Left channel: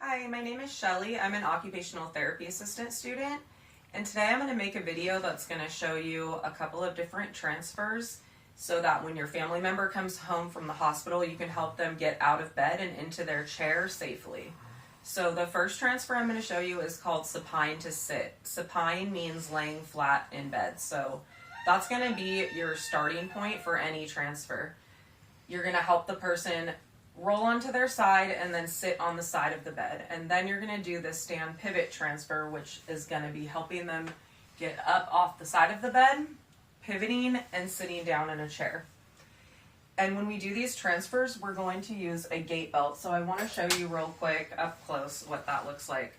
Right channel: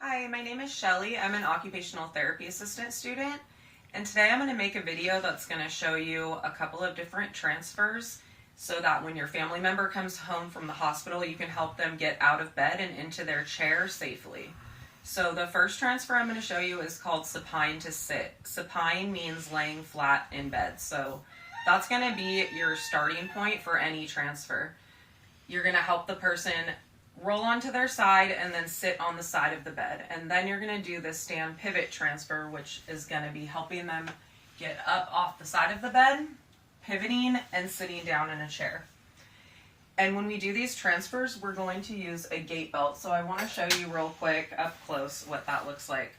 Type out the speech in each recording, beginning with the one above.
Hi, my name is Shelly. I'm an occupational therapy assistant student, and today I'm going to make a video that's going to show you a couple of different transfers so that when your family member comes home from the hospital, you can help them get out of bed and into their chair safely. So the first transfer I'm going to show you is called supine to sit. Supine means laying flat in bed, so that's going to be your starting point for any transfer. You're going to help the person roll onto their side and then sit on the side of the bed. And then you're going to do the stand pivot transfer, which is going to be helping them get up off the side of the bed, pivoting, and sitting down in a chair. And when we do these transfers, we're going to use a gait belt. So I want to show you real quick up close what that looks like.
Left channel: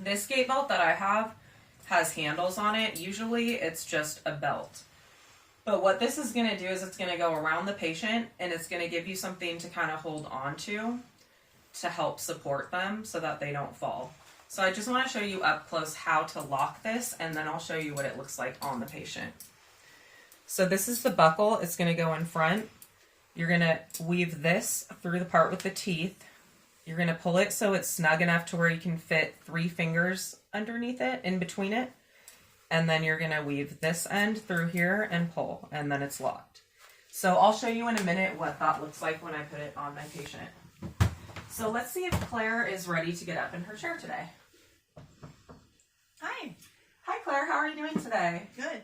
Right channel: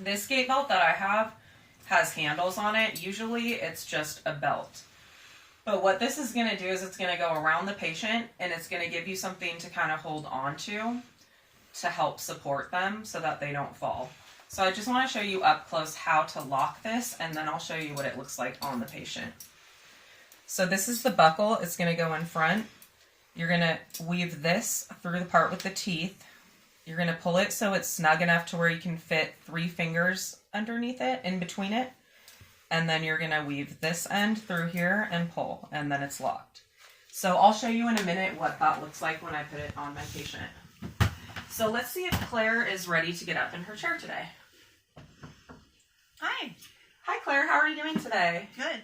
This gait belt that I have has handles on it. Usually it's just a belt. But what this is going to do is it's going to go around the patient and it's going to give you something to kind of hold on to help support them so that they don't fall. So I just want to show you up close how to lock this, and then I'll show you what it looks like on the patient. So this is the buckle. It's going to go in front. You're going to weave this through the part with the teeth. You're going to pull it so it's snug enough to where you can fit 3 fingers underneath it, in between it. And then you're going to weave this end through here and pull, and then it's locked. So I'll show you in a minute what that looks like when I put it on my patient. So let's see if Claire is ready to get up in her chair today. Hi. Hi Claire, how are you doing today? Good.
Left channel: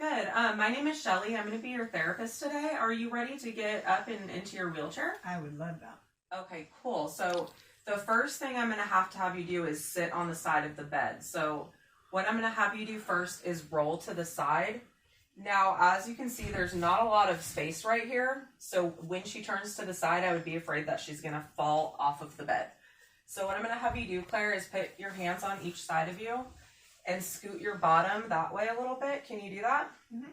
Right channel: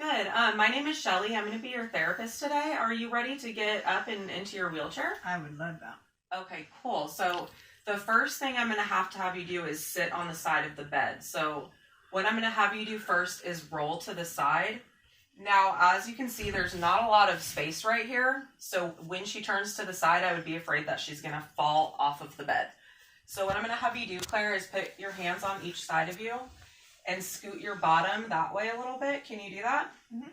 Good. My name is Shelly. I'm going to be your therapist today. Are you ready to get up and into your wheelchair? I would love that. Okay, cool. So the first thing I'm going to have you do is sit on the side of the bed. So what I'm going to have you do first is roll to the side. Now, as you can see, there's not a lot of space right here. So when she turns to the side, I would be afraid that she's going to fall off of the bed. So what I'm going to have you do, Claire, is put your hands on each side of you and scoot your bottom that way a little bit. Can you do that? Mm-hmm.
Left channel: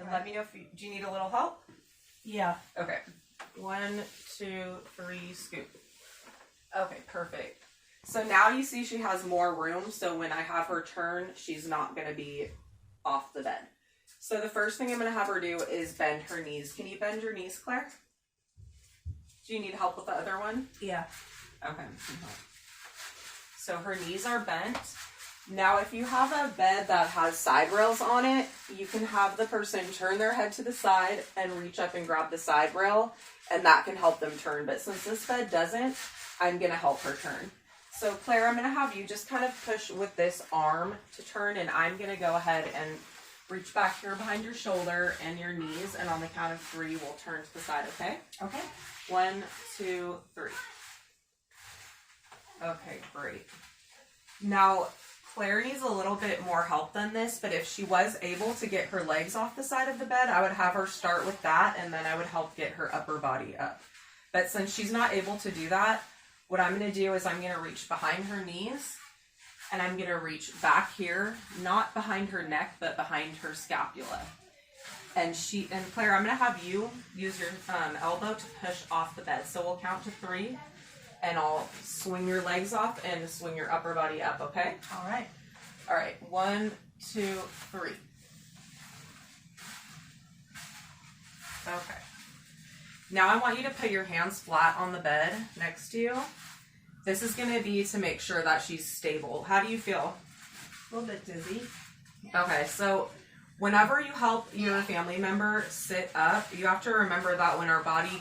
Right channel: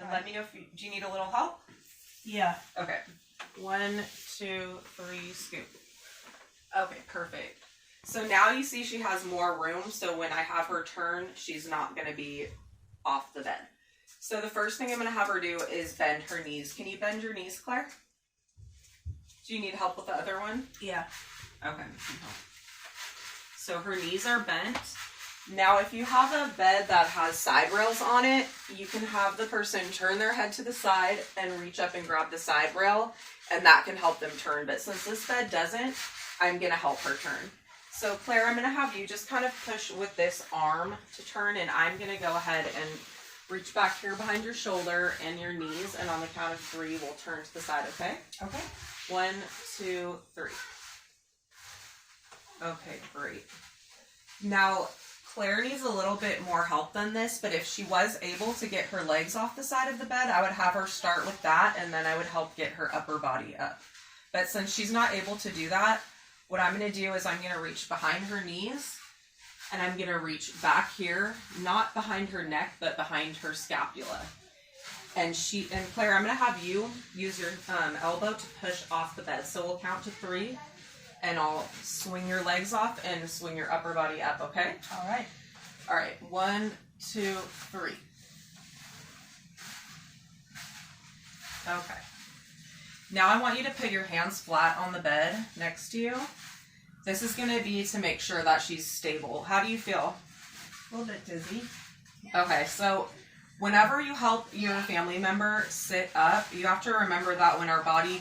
And let me know do you need a little help? Yeah. Okay. 1, 2, 3, scoot. Okay, perfect. So now you see she has more room, so when I have her turn, she's not going to be off the bed. So the first thing I'm going to have her do is bend her knees. Can you bend your knees, Claire? Do you need help with the other one? Yeah. Okay. So her knees are bent. Now if you have a bed that has side rails on it, you can have the person turn their head to the side and reach up and grab the side rail, and that can help them turn. But since this bed doesn't, I'm going to help her turn. So Claire, I'm going to have you just kind of push with this arm to turn, and I'm going to go ahead and reach back here behind your shoulder and your knees, and on the count of 3, we'll turn to the side, okay? Okay. 1, 2, 3. Okay, great. Now, Claire needs a little bit more help than this, but if she was able to get her legs off the side of the bed, I would have her start with that, and then I would help get her upper body up. But since she's not able to do that, what I'm going to do is I'm going to reach behind her knees, and I'm going to reach back here, not behind her neck, but behind her scapula. And Claire, I'm going to have you use your elbow to push off the bed. So we'll count to 3, and I'll swing your legs off and swing your upper body up, okay? All right. All right, 1, 2, 3. Okay. Now I want you to put your hands flat on the bed next to you. This is going to be to make sure that she's stable. How do you feel? A little bit dizzy. Okay, so whenever you help your family member sit up, you have to remember that when our body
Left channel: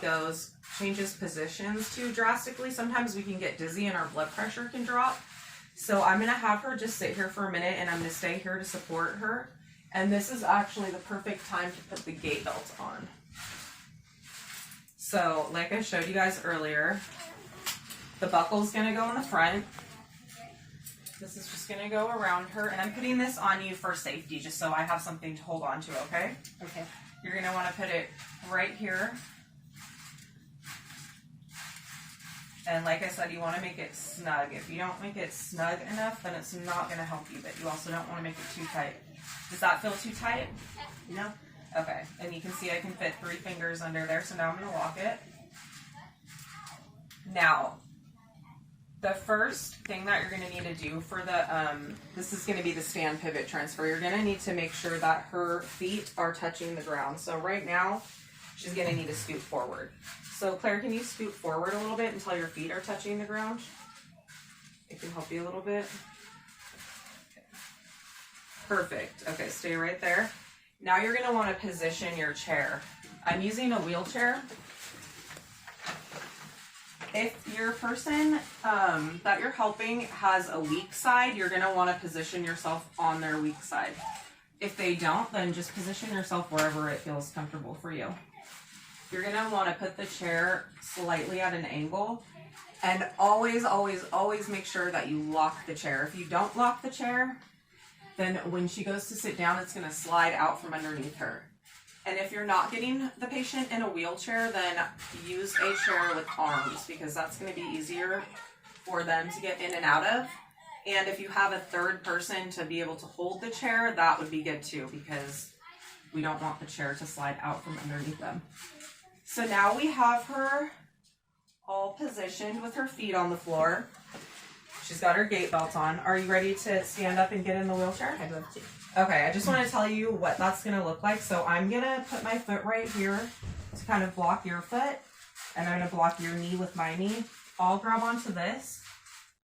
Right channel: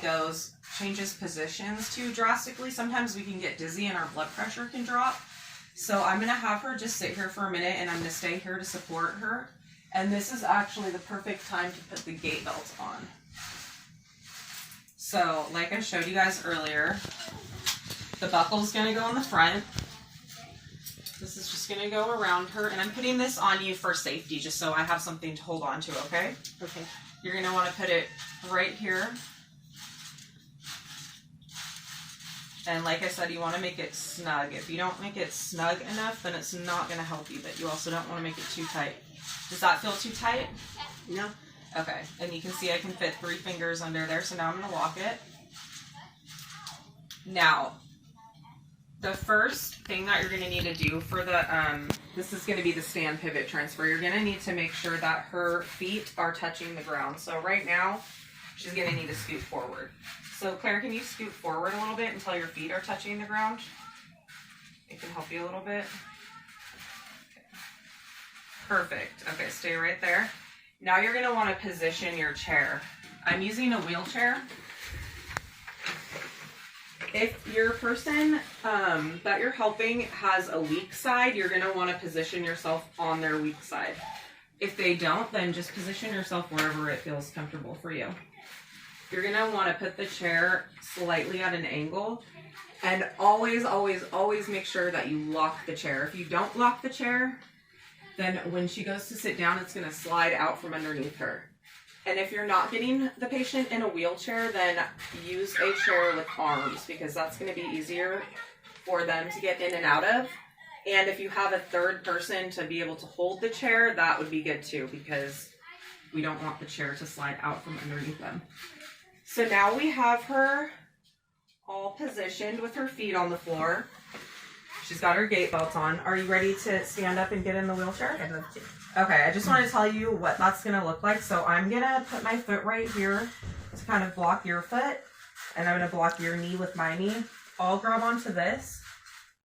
changes positions too drastically, sometimes we can get dizzy and our blood pressure can drop. So I'm going to have her just sit here for a minute, and I'm going to stay here to support her. And this is actually the perfect time to put the gait belt on. So, like I showed you guys earlier, the buckle's going to go in the front. This is just going to go around her, and I'm putting this on you for safety, just so I have something to hold on to, okay? Okay. You're going to want to put it right here. And like I said, you want to make it snug. If you don't make it snug enough, then it's not going to help you, but you also don't want to make it too tight. Does that feel too tight? No. Okay, and you can see I can fit 3 fingers under there, so now I'm going to lock it. Now, the first thing that you're going to need to do for the, this is going to be the stand pivot transfer. You're going to need to make sure that her feet are touching the ground. So right now, she's going to need to scoot forward. So Claire, can you scoot forward a little bit until your feet are touching the ground? It can help you a little bit. Okay. Perfect. Okay, stay right there. Now you're gonna wanna position your chair. I'm using a wheelchair. If your person that you're helping has a weak side, you're gonna wanna position yourself on their weak side. If they don't, then just position yourself wherever it feels comfortable for you. You're gonna wanna put the chair slightly at an angle, and always, always, always make sure that you lock the chair. If you don't lock the chair, then when she goes to sit down, it's gonna slide out from underneath her. And if you're not getting the patient in a wheelchair, then use a chair with arms, because that's gonna be easier for them to get in and out of. And if you have a third person to be able to hold the chair, that would be good too, because we don't want the chair to slide out from underneath them. So now we have her all positioned with her feet on the floor. She's got her gait belt on. Are you ready to stand up and get in the wheelchair? I'd love to. Okay, I just want to tell you what that's going to look like. So I'm going to put my foot right here to kind of block your foot, and I'm going to block your knee with my knee. I'll grab onto this.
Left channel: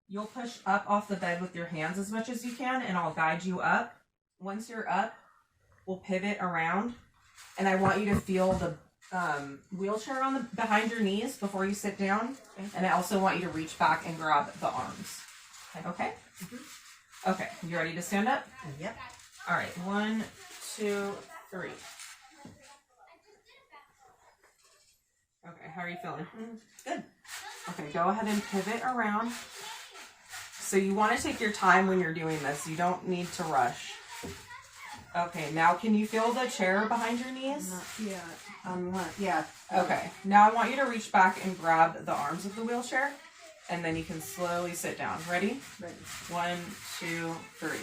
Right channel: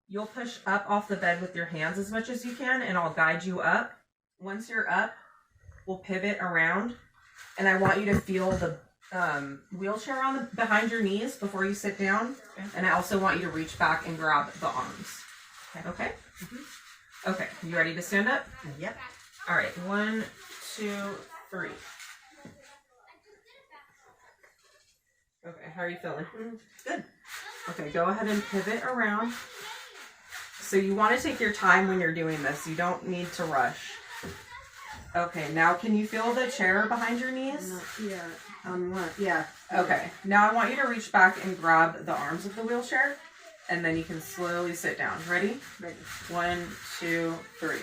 You'll push up off the bed with your hands as much as you can, and I'll guide you up. Once you're up, we'll pivot around, and I want you to feel the wheelchair on the behind your knees before you sit down. Okay. And I also want you to reach back and grab the arms. Okay? Mm-hmm. Okay, you ready to stand up? Yep. All right, 1, 2, 3. Okay, how are you feeling? Good. Okay, go ahead and pivot around. So you want to take your time when you're doing this. You don't need to rush. Okay, now can you feel the chair behind your knees? Yeah. Okay, now I want you to reach back and grab the arms of the wheelchair, and then you can slowly sit down. Ready? Ready. 1, 2, 3.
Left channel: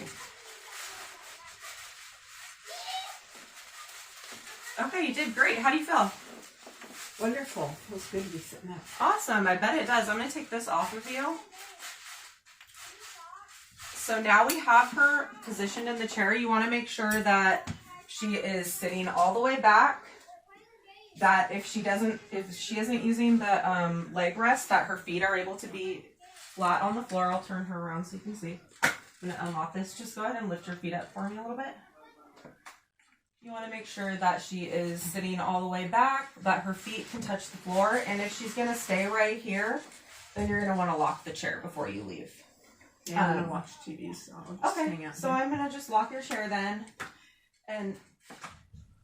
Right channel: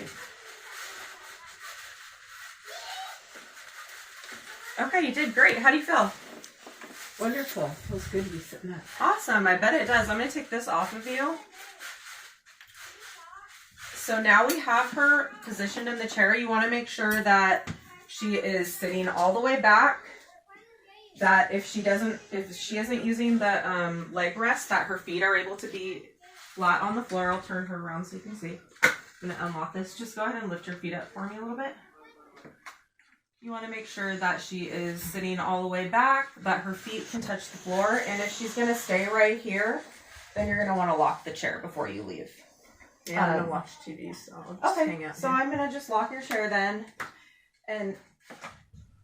Okay, you did great. How do you feel? Wonderful. Feels good to be sitting up. Awesome. I bet it does. I'm going to take this off of you. So now we have her positioned in the chair. You want to make sure that she is sitting all the way back. That if she isn't using the leg rest, that her feet are able to be flat on the floor. I'll turn her around so you can see. I'm going to unlock this. Just go ahead and lift your feet up for me a little bit. You want to make sure that she is sitting all the way back, that her feet can touch the floor. And if she's going to stay right here, then you're going to want to lock the chair before you leave. Yeah, I'm going to watch TV, so I'll just hang out so here. I'm going to just lock your chair then. And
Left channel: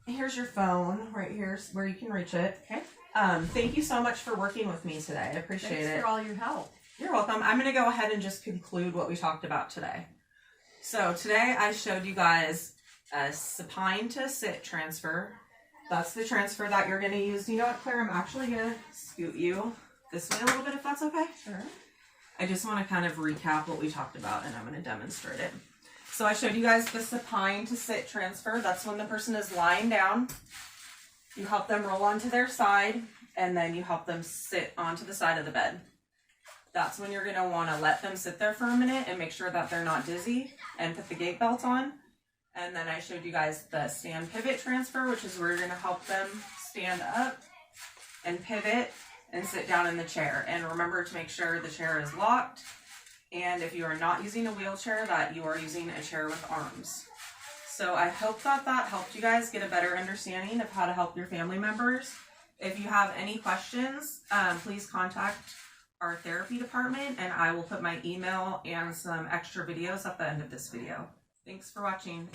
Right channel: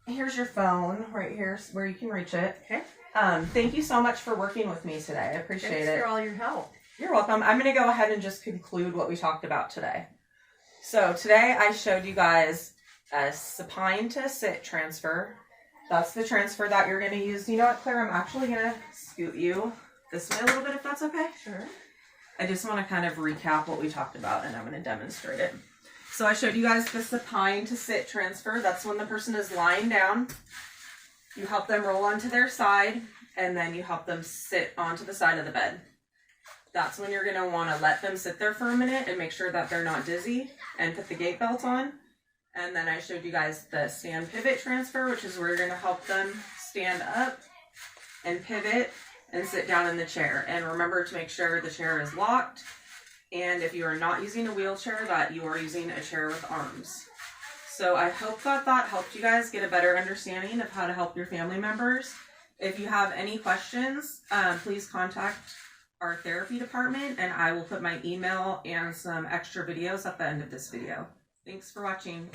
here's your phone right here where you can reach it. Okay. Thank you so much for working with me today. I appreciate Thanks it. for all your help. You're welcome. I'm going to go ahead and just conclude what we talked about today. So today I showed you guys a supine to sit transfer. That's the transfer that you're going to use. You know what, Claire? I'm actually going to scoot you this way a little bit if that's okay. Sure. I just want to kind of recap what we talked about, and I'm going to demonstrate it. So I showed you guys the supine to sit transfer. That's when the person is lying down. You help them roll onto their side, and then you help them sit onto the side of the bed. That's when you're going to want to let them sit there for a minute and make sure that they're not dizzy, and put the gait belt on. And then I showed you guys the stand pivot transfer, which is where you're going to help them stand up and pivot and sit down in the chair. And remember to make sure the chair is locked. And if you are not using a wheelchair, that you are using a chair with arms. So I hope that that helped you guys get a better understanding of how to help your family members. If you have any questions, please contact our therapy department, and I will put my email and some extra videos at the end of this video. Thanks for watching.